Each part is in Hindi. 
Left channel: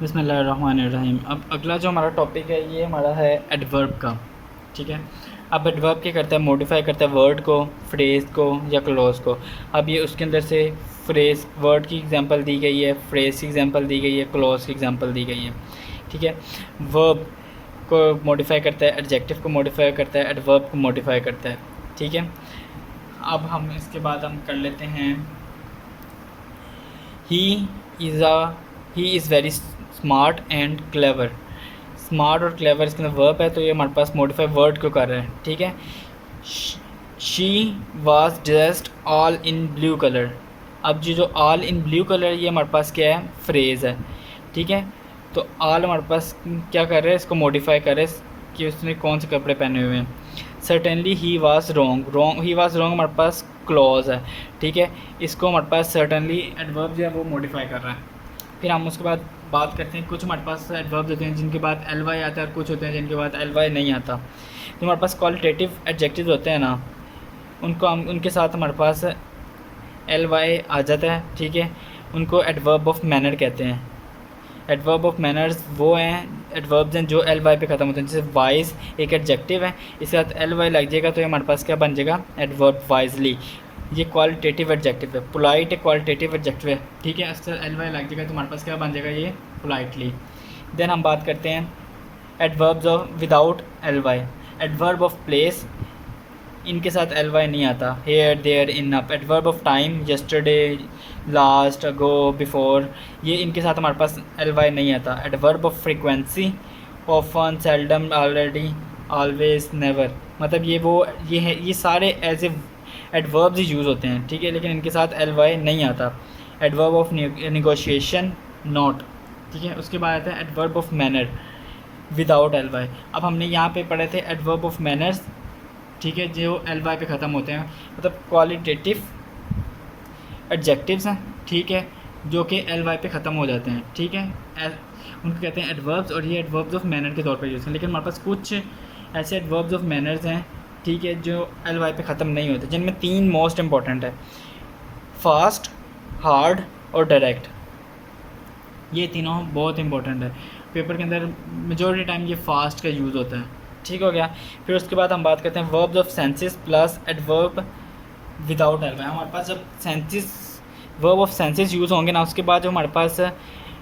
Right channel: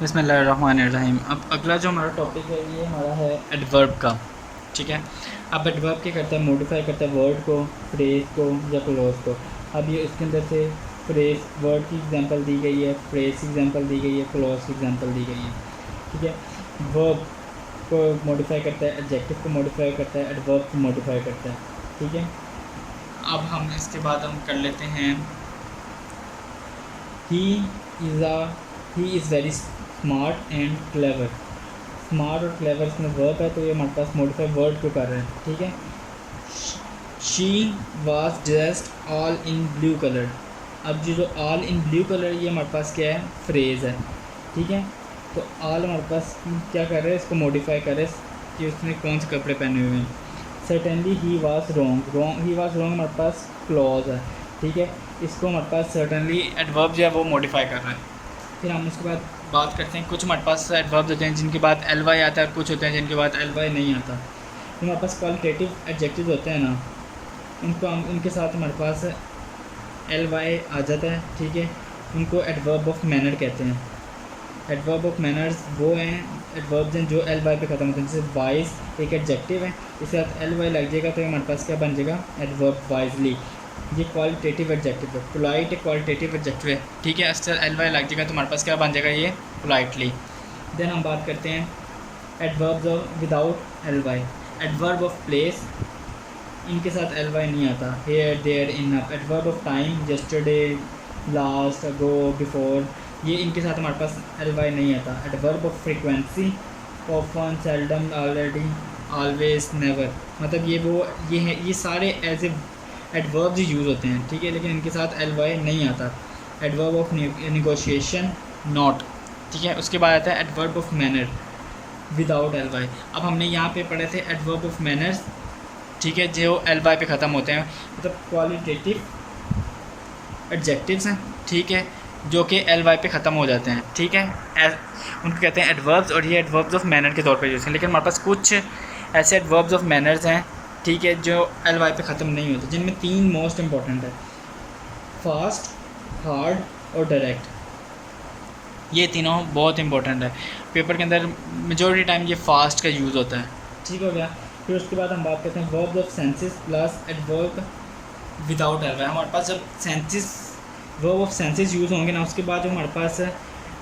बिस्मिल्लाहिर्रहमानिर्रहीम। अब अगला जो हमारा टॉपिक है ये हमारा है एडवर्ब का। ठीक है, अब एडवर्ब क्या करता है, मॉडिफाई करता है वर्ड को, फ्रेज़ को या क्लॉज को। अब ये उसके अंदर से फ्रेज़ वर्ड की एग्जांपल दी गई है, फ्रेज़ की एग्जांपल दी गई है, क्लॉज की एग्जांपल दी गई है। ठीक है, वर्ब को मॉडिफाई करता है, एडजेक्टिव को मॉडिफाई करता है, एडवर्ब को मॉडिफाई करता है। ठीक है, अब हम इसके बाद हम कर लेते हैं he is very smart and clever. Smart और क्लेवर इसके अंदर वर्ब है, तो ये हमारे पास मॉडिफाई वर्ड को कर रहा है। ठीक है, she was dressed all in blue colour. अब जो ऑल इन ब्लू कलर ये हमारे पास क्या है, फ्रेज़ है। ठीक है, तो ऑल हमारे पास क्या कर रहे हैं, इसको मॉडिफाई कर रहे हैं कि उसने कौन से कपड़े पहने हुए हैं। Certainly he was wrong, he was wrong हमारे पास क्लॉज है। ठीक है, इसको हमारे पास सर्टेनली एडवर्ब जो है वो मॉडिफाई कर रहा है। फिर हम उसके बाद बात करते हैं, कुछ हमारे पास एडवर्ब्स होते हैं जिनके बाद एल वाई आता है, कुछ होते हैं जिनके बाद एल वाई नहीं आता। तो हमारे पास क्वालिटेटिव एडजेक्टिव होते हैं ना, उनको हम उनके साथ हमारे पास एल वाई आ जाता है। ठीक है, उनको एडवर्ब ऑफ मैनर कहते हैं। एडवर्ब ऑफ मैनर्स वो हैं एडवर्ब्स हैं जो एल वाई पे ख़त्म होते हैं। जैसे वाइज एक एडजेक्टिव है, इसके साथ एल वाई लग जाएगा तो ये हमारे पास क्या बन जाएगा, एडवर्ब वाइजली। ये क्वालिटेटिव एडजेक्टिव है। पोलाइट एक क्वालिटेटिव एडजेक्टिव है। ठीक है, इससे एल वाई लग जाएगा तो हमारे पास क्या बन जाएगा, ये पोलाइटली। देन हम बात करते हैं adverbs of without L Y. Adverb of place, इनके साथ एल वाई नहीं आता। Here, there, in, up. Adverb of time, yesterday, last, ago, before, ये इनके साथ हमारे पास एल वाई नहीं आता। Adverb of frequency, often, seldom, already, always, never. मतलब ये है, ये सारे एज ए एडवर्ब्स ही यूज़ होते हैं। ठीक है, लेकिन इनके साथ एल वाई नहीं आता। Adverb of negotiation, not. ठीक है, उसके बाद आता है adverb of manner without L Y. अब हमने यहाँ पे पढ़े थे एडवर्ब ऑफ मैनर्स। ठीक है, जो एल वाई पे ख़त्म होते हैं, मतलब क्वालिटेटिव एडजेक्टिव्स हैं। ठीक है, जो कि एल वाई पे ख़त्म हो जाते हैं। ठीक है, उनको कहते हैं एडवर्ब्स, और ये एडवर्ब्स ऑफ मैनर के तौर पे यूज़ हैं। लेकिन हमारे पास कुछ ऐसे एडवर्ब्स ऑफ मैनर्स हैं, ठीक है, जो एल वाई पे ख़त्म नहीं होते, जिनमें तीन मोस्ट इंपॉर्टेंट है, फास्ट, हार्ड और डायरेक्ट। ये तीनों बहुत इंपॉर्टेंट है। पेपर के अंदर मेजॉरिटी टाइम ये फास्ट का यूज़ होता है। ठीक हो गया। फिर उसके बाद हम बात करते हैं verbs of senses plus adverb without L Y. हमारे पास जब senses verb of senses use होंगे ना, उसके बाद जो हमारे पास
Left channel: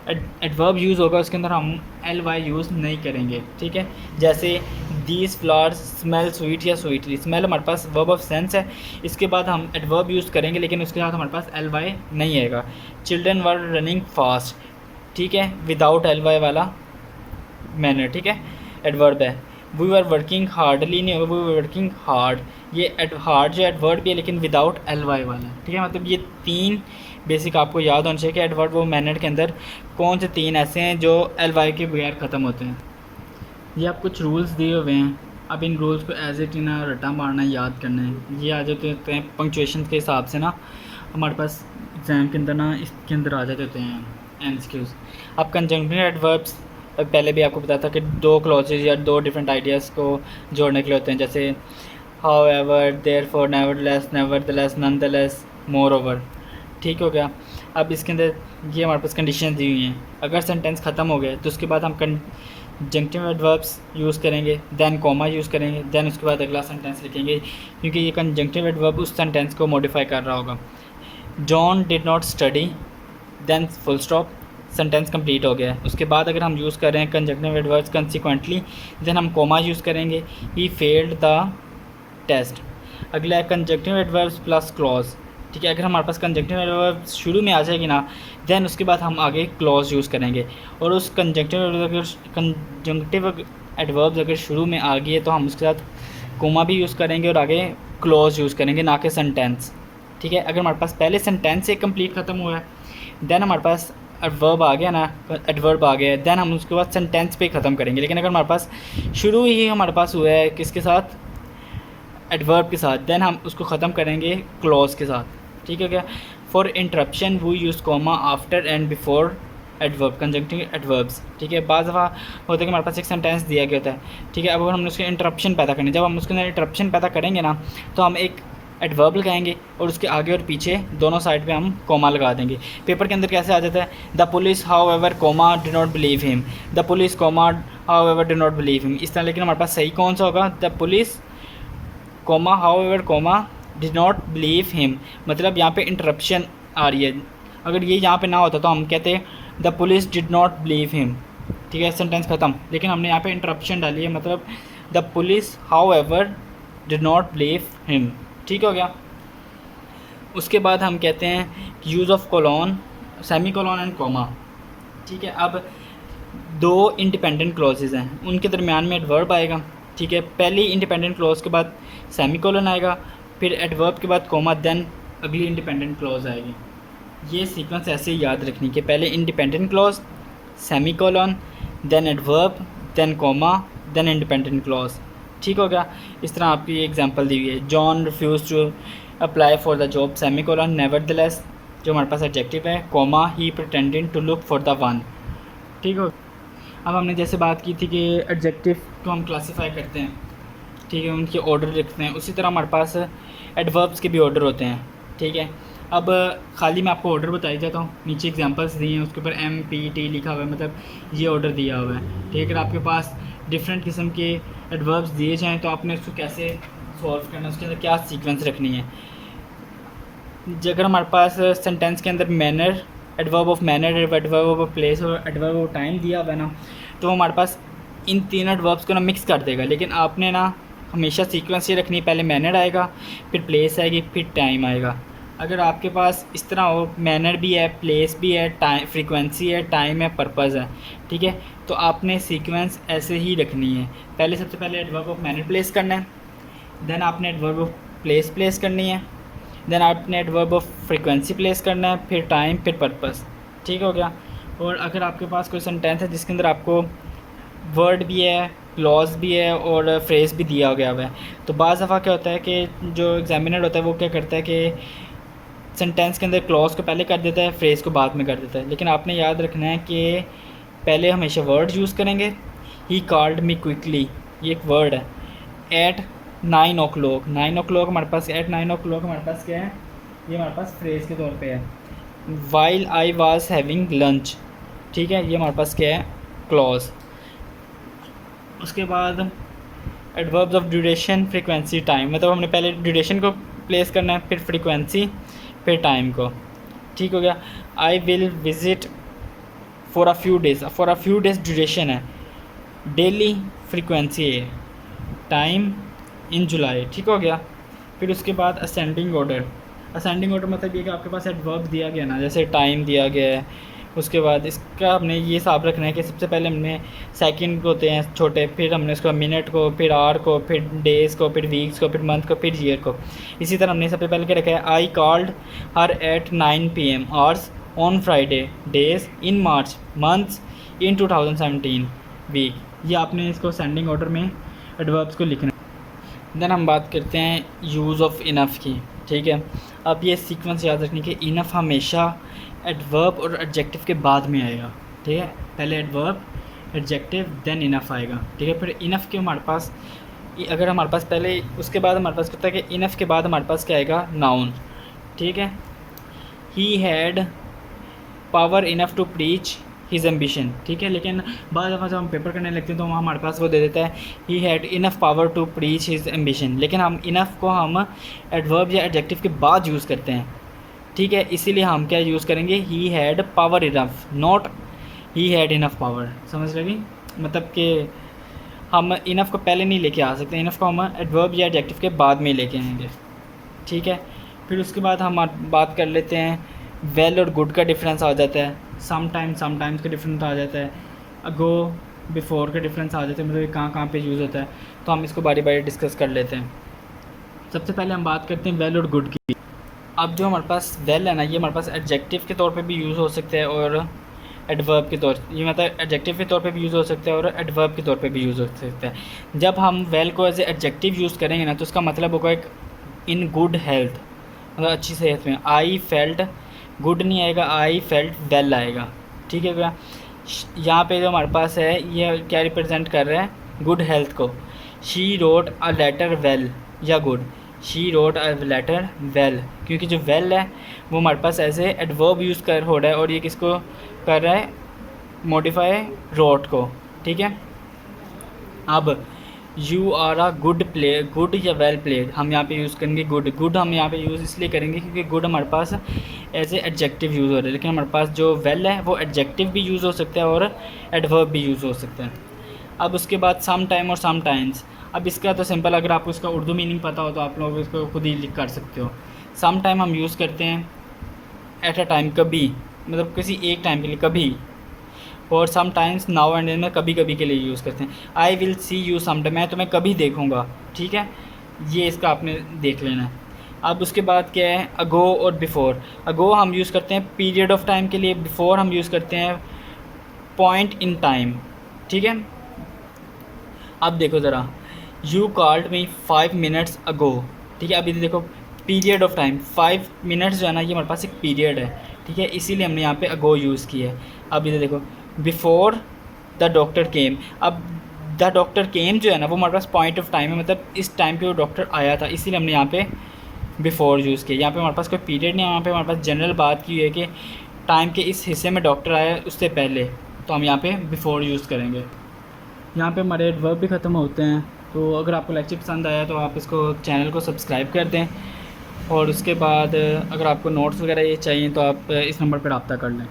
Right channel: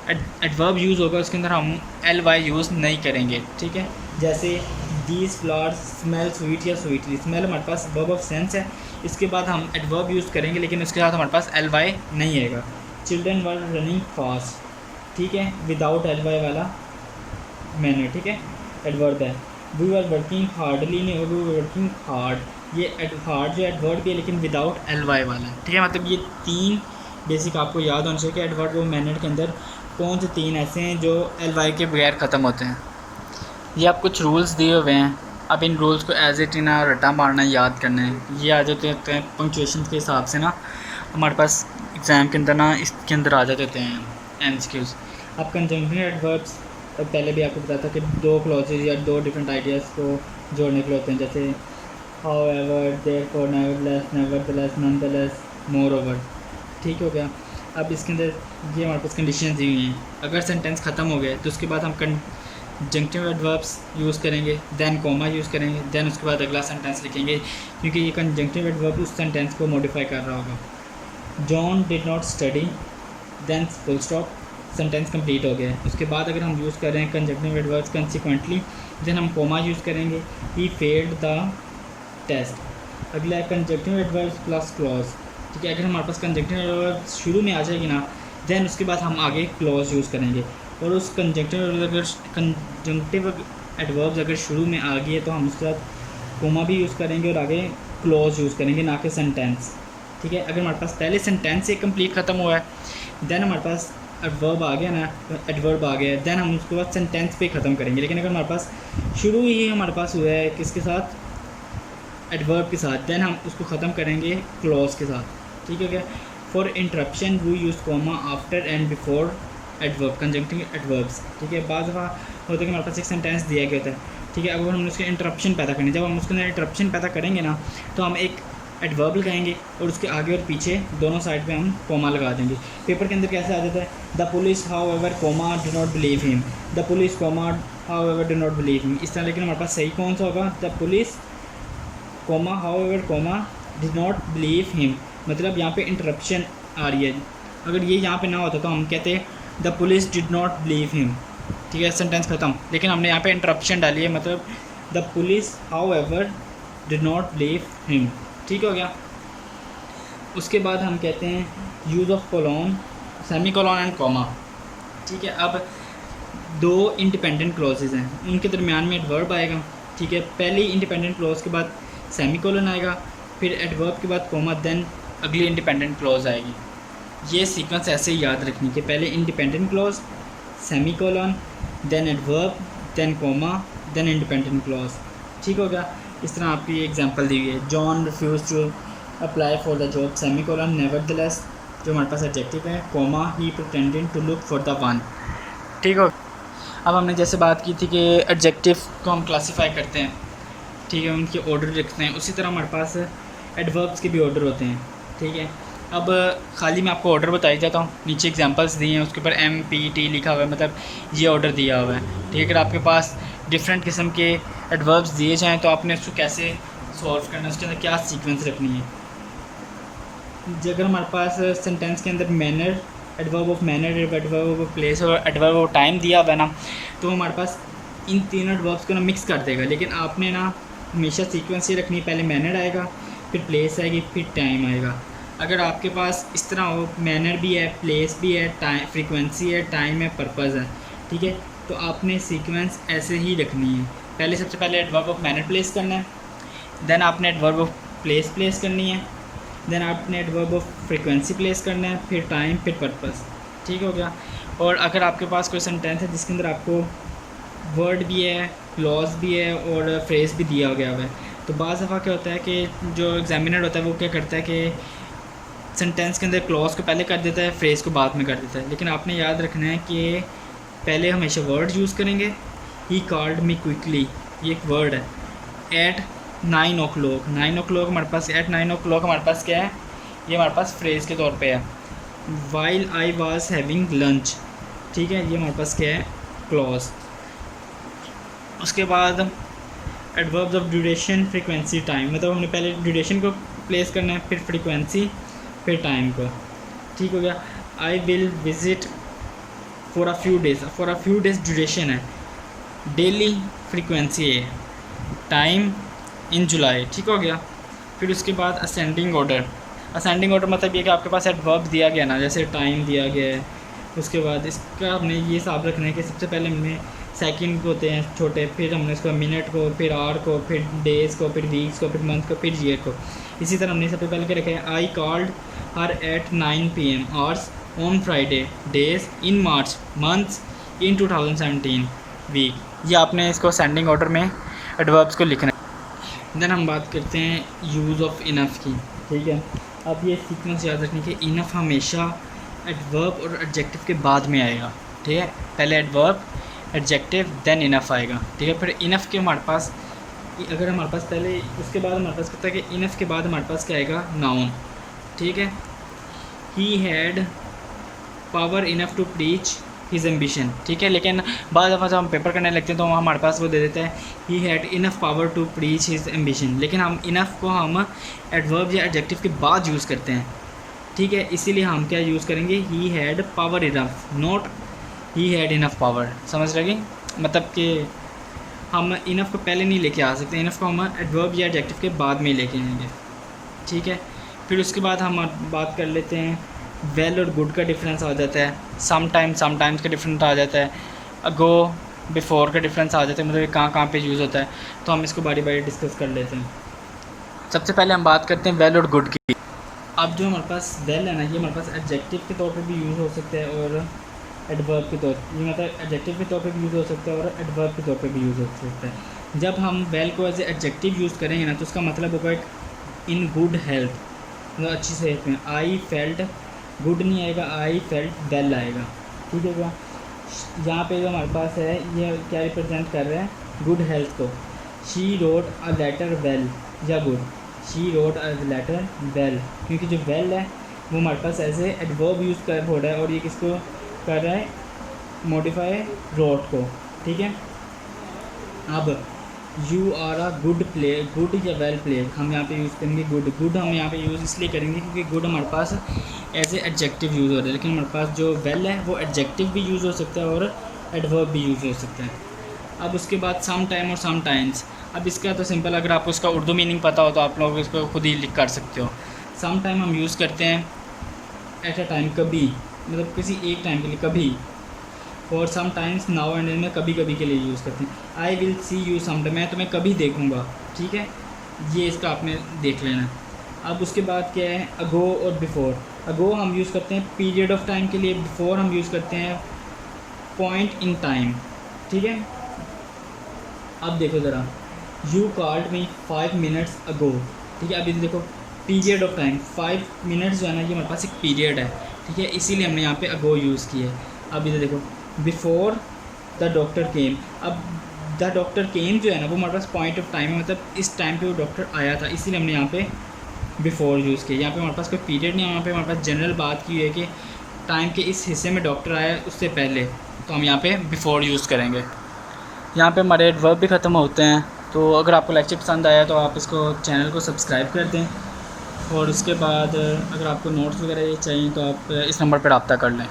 एडवर्ब यूज़ होगा उसके अंदर हम एल वाई यूज़ नहीं करेंगे। ठीक है, जैसे दीज फ्लावर्स स्मेल स्वीट या स्वीटली। स्मेल हमारे पास वर्ब ऑफ सेंस है, इसके बाद हम एडवर्ब यूज़ करेंगे, लेकिन उसके साथ हमारे पास एल वाई नहीं आएगा। चिल्ड्रन वर रनिंग फास्ट, ठीक है, विदाउट एल वाई वाला मैनर। ठीक है, एडवर्ब है। वी वर वर्किंग हार्डली नहीं होगा, वी वर वर्किंग हार्ड। ये हार्ड जो एडवर्ब भी है, लेकिन विदाउट एल वाई वाला। ठीक है, मतलब ये तीन बेसिक आपको याद होना चाहिए कि एडवर्ब और मैनर के अंदर कौन से तीन ऐसे हैं जो एल वाई के बगैर ख़त्म होते हैं। ये आप कुछ रूल्स दिए हुए हैं, अब इन रूल्स को एज इट ना रट्टा मारना, याद करना है। ये आ जाते होते हैं पंक्चुएशन के हिसाब से ना, हमारे पास एग्ज़ाम के अंदर ना इसके अंदर आ जाते होते हैं एमसीक्यूज़। अब कंजंक्टिव एडवर्ब्स पहले भी आपको बताया था कि दो क्लॉजेज या दो डिफरेंट आइडियाज़ को जोड़ने के लिए होते हैं, जैसे how ever, therefore, nevertheless, nevertheless, nonetheless, moreover. ठीक हो गया। अब इसके अंदर ये हमारे पास कंडीशन दी हुई हैं। अगर सेंटेंस ख़त्म हो गए तो उसके बाद हम कंजंक्टिव एडवर्ब्स यूज़ करेंगे, देन कॉमा यूज़ करेंगे, देन उसके बाद अगला सेंटेंस लिखेंगे, क्योंकि ये कंजंक्टिव एडवर्ब उस सेंटेंस को मॉडिफाई कर रहा होगा। John did not study, then full stop, sentence complete हो गया है। उसके बाद अगर हम यूज़ कर रहे हैं कंजंक्टिव एडवर्ब्स कंसिक्वेंटली, देन हम कॉमा यूज़ करेंगे। He failed the test. अगला है कंजंक्टिव एडवर्ब्स प्लस क्लॉज। ठीक है, अगर हमारे पास कंजंक्टिव एडवर्ब्स शुरू में आ जाएगी ना, देन उसके बाद हम आगे क्लॉज यूज़ करेंगे। और उस कंजंक्टिव एडवर्ब्स अगर शुरू में आ गई है तो हम उसके साथ कोमा भी यूज़ करेंगे और आगे क्लॉज यूज़ करेंगे, ना कि सेंटेंस। ठीक है, अगर हमारे पास पहले सेंटेंस से कंप्लीट ख़त्म हुआ है, देन हमारे पास एडवर्ब आ गया ना, एडवर्ब आ गया, देन हम उसके बाद सेंटेंस पे ख़त्म करेंगे। लेकिन अगर हमारे पास शुरू ही हमारे पास हुआ है किसके साथ, एडवर्ब के साथ, देन हम उसको ख़त्म करेंगे क्लॉज के साथ। ठीक है क्या। For interruption we use comma after and before adverb, conjunctive adverbs. ठीक है, बाद दफ़ा होता है कि हमारे पास एक सेंटेंस दिया गया होता है। ठीक है, अब हमने उसके इंटरप्शन पैदा करनी, जब हम उसके अंदर इंटरप्शन पैदा करेंगे ना, तो हम एक एडवर्ब लगाएंगे और उसके आगे और पीछे दोनों साइड पे हम कोमा लगा देंगे। पेपर के अंदर कैसे आ जाता है, the police however comma do not believe him, the police comma however do not believe him, इस तरह। लेकिन हमारे पास सही कौन सा होगा, the police comma however comma did not believe him, मतलब यहाँ पे इंटरप्शन आ रही है। अगर ये यहाँ पे ना होता तो हम कहते the police did not believe him, ठीक है, सेंटेंस ख़त्म। लेकिन हमने यहाँ पे इंटरप्शन डाली है, मतलब the police however did not believe him, ठीक हो गया। उसके बाद हम कहते हैं use of colon, semicolon and comma, ठीक है। अब दो इंडिपेंडेंट क्लॉजेज़ हैं, उनके दरमियान में एडवर्ब आएगा, ठीक है। पहली इंडिपेंडेंट क्लॉज के बाद सेमी कोलन आएगा, फिर एडवर्ब के बाद कोमा, देन अगली इंडिपेंडेंट क्लॉज आएगी। ये सीक्वेंस ऐसे ही याद रखनी कि पहले independent clause, semicolon, then adverb, then comma, then independent clause, ठीक हो गया। इस तरह आपकी एग्जांपल दी हुई है, John refuse to apply for the job, semicolon, nevertheless जो हमारे पास एडजेक्टिव है, comma, he pretending to look for the one, ठीक हो। अब हमने जैसे बात की थी कि एडजेक्टिव को हम क्लासीफाई करते हैं, ठीक है, उनके ऑर्डर रखते हैं, उसी तरह हमारे पास एडवर्ब्स के भी ऑर्डर होते हैं, ठीक है। अब खाली मैं आपको ऑर्डर बताई जाता हूँ, नीचे एग्जांपल्स दिए हैं, उसके ऊपर MPT लिखा हुआ है, मतलब ये ऑर्डर दिया हुआ है, ठीक है। अगर आपके पास डिफरेंट किस्म के एडवर्ब्स दिए जाएँ तो आपने उसको कैसे सॉल्व करना है, उसके अंदर क्या सीक्वेंस रखनी है। अगर हमारे पास सेंटेंस के अंदर manner, adverb of manner, adverb of place और एडवर्ब ऑफ टाइम दिया हुआ है ना, तो हमारे पास इन तीनों एडवर्ब्स को ना मिक्स कर देगा। लेकिन आपने ना हमेशा सीक्वेंस ये रखनी, पहले मैनर आएगा, फिर प्लेस आएगी, फिर टाइम आएगा। अगर आपके पास इस तरह हो, मैनर भी है, प्लेस भी है, टाइम, फ्रीक्वेंसी है, टाइम है, पर्पज़ है, ठीक है, तो आपने सीक्वेंस ऐसे ही रखनी है। पहले सबसे पहले एडवर्ब ऑफ मैनर प्लेस करना है, देन आपने एडवर्ब ऑफ प्लेस प्लेस करनी है, देन आपने एडवर्ब ऑफ फ्रीक्वेंसी प्लेस करना है, फिर टाइम, फिर पर्पस, ठीक हो गया। और अगर आपके पास कोई सेंटेंस है जिसके अंदर आपको वर्ड भी है, क्लॉज भी है और फ्रेज़ भी दिया गया हुआ है, तो बाज़ दफ़ा क्या होता है कि जो एग्जामिनर होता है वो क्या करता है कि सेंटेंस के अंदर क्लॉज को पहले कर देता है, फ्रेज़ को बाद में कर देता है। लेकिन आपने याद रखना है कि पहले हमेशा वर्ड यूज़ करेंगे। ही कॉल्ड मी क्विकली, ये एक वर्ड है। एट 9 o'clock, 9 o'clock हमारे पास, एट 9 o'clock हमारे पास क्या है, ये हमारे पास फ्रेज़ के तौर पे है। While I was having lunch, ठीक है, ये हमारे पास क्या है, क्लॉज। उसके बाद adverbs of duration, frequency, time, मतलब हमने पहले ड्यूरेशन को प्लेस करना है, फिर फ्रीक्वेंसी, फिर टाइम को, ठीक हो गया। I will visit for a few days, for a few days duration है, डेली फ्रीक्वेंसी है, टाइम इन जुलाई, ठीक हो गया। फिर उसके बाद असेंडिंग ऑर्डर, असेंडिंग ऑर्डर मतलब ये कि आपके पास एडवर्ब दिया गया ना, जैसे टाइम दिया गया है, उसके बाद इसका हमने ये हिसाब रखना है कि सबसे पहले हमने सेकंड होते हैं छोटे, फिर हमने उसको मिनट को, फिर आवर को, फिर डेज़ को, फिर वीक्स को, फिर मंथ को, फिर ईयर को। इसी तरह हमने सबसे पहले क्या रखा है, I called her at 9 PM hours on Friday, days in March, months in 2017 week. ये आपने इसको असेंडिंग ऑर्डर में एडवर्ब्स को लिखना है। देन हम बात करते हैं यूज़ ऑफ इनफ़ की, ठीक है। अब ये सीक्वेंस याद रखनी कि इनफ़ हमेशा एडवर्ब और एडजेक्टिव के बाद में आएगा, ठीक है। पहले एडवर्ब, एडजेक्टिव, देन इनफ़ आएगा, ठीक है। फिर इनफ़ के हमारे पास, अगर हमारे पास पहले, उसके बाद हमारे पास कहता है कि इनफ़ के बाद हमारे पास क्या आएगा, नाउन, ठीक है। He had power enough to preach his ambition, ठीक है। लेकिन बाद दफ़ा जब हम पेपर करने लगते हैं तो वहाँ हमारे पास वो दे देता है he had enough power to preach his ambition, लेकिन हम इनफ़ को हम एडवर्ब या एडजेक्टिव के बाद यूज़ करते हैं, ठीक है। इसीलिए हम क्या यूज़ करेंगे, ही had power enough, not he had enough power, समझ लगी। मतलब कि हम इनफ़ को पहले नहीं लेके आ सकते, इनफ़ को हम एडवर्ब या एडजेक्टिव के बाद में लेके आएंगे, ठीक है। फिर उसके बाद हम बात कर लेते हैं वेल और गुड का डिफरेंस आ जाता है, समटाइम्स का डिफरेंस आ जाता है, अगो, बिफोर का डिफरेंस आ जाता है, मतलब कहाँ पे यूज़ होता है, तो हम इसको बारी बारी डिस्कस कर लेते हैं। सबसे पहले हम बात करते हैं वेल और गुड की। अब जो हमारे पास वेल है ना, ये हमारे पास एडजेक्टिव के तौर पे भी यूज़ हो सकता है और एडवर्ब के तौर, ये मतलब एडजेक्टिव के तौर पे भी यूज़ हो सकता है और एडवर्ब के तौर पे भी यूज़ हो सकता है। जब हम वेल को एज ए एडजेक्टिव यूज़ करेंगे ना, तो उसका मतलब होगा एक इन गुड हेल्थ, मतलब अच्छी सेहत में। आई फेल्ट गुड नहीं आएगा, आई फेल्ट वेल आएगा, ठीक है भैया। यहाँ पे जो हमारे पास है ये क्या रिप्रेजेंट कर रहा है, गुड हेल्थ को। She wrote a letter well या good, she wrote a letter well, क्योंकि जो वेल है वो हमारे पास एज ए एडवर्ब यूज़ कर हो रहा है और ये किसको कर रहा है, मॉडिफाई रोट को, ठीक है। अब you are a good player, good या वेल प्लेयर हम यहाँ पे यूज़ करेंगे गुड। गुड हम यहाँ पे यूज़ इसलिए करेंगे क्योंकि गुड हमारे पास एज ए एडजेक्टिव यूज़ हो रहा है, लेकिन हमारे पास जो वेल है वो एडजेक्टिव भी यूज़ हो सकता है और एडवर्ब भी यूज़ हो सकता है। अब उसके बाद सम टाइम और सम टाइम्स, अब इसका तो सिंपल, अगर आपको इसका उर्दू मीनिंग पता हो तो आप लोग इसको खुद ही लिख कर सकते हो। सम टाइम हम यूज़ करते हैं एट अ टाइम, कभी, मतलब किसी एक टाइम के लिए कभी, और sometimes now and then में कभी कभी के लिए यूज़ करते हैं। I will see you some time, मैं तुम्हें कभी देखूँगा, ठीक है, ये इसका आपने देख लेना है। अब उसके बाद क्या है, अगो और बिफ़ोर। अगो हम यूज़ करते हैं पीरियड ऑफ टाइम के लिए, बिफ़ोर हम यूज़ करते हैं पॉइंट इन टाइम, ठीक है। अब देखो ज़रा, you called me 5 minutes ago, ठीक है। अभी देखो पीरियड ऑफ टाइम 5 मिनट्स जो है ना, ये हमारे पास एक पीरियड है, ठीक है, इसीलिए हमने यहाँ पे अगो यूज़ किया है। अब इधर देखो बिफ़ोर द डॉक्टर केम, अब द डॉक्टर केम जो है ना वो हमारे पास पॉइंट ऑफ टाइम है, मतलब इस टाइम पे वो डॉक्टर आया था, इसीलिए हमने यहाँ पे बिफ़ोर यूज़ किया। यहाँ पे हमारे पास कोई पीरियड नहीं है, यहाँ पे हमारे पास जनरल बात की है कि टाइम के इस हिस्से में डॉक्टर आया उससे पहले, तो हम यहाँ पे बिफ़ोर यूज़ करेंगे। यहाँ पे हमारे एडवर्ब भी ख़त्म होते हैं। तो अगर आपको लेक्चर पसंद आया तो आप इसको चैनल को सब्सक्राइब कर दें, और उसके बाद अगर आपको नोट्स वगैरह ये चाहिए तो आप इस नंबर पर रब्ता कर लें।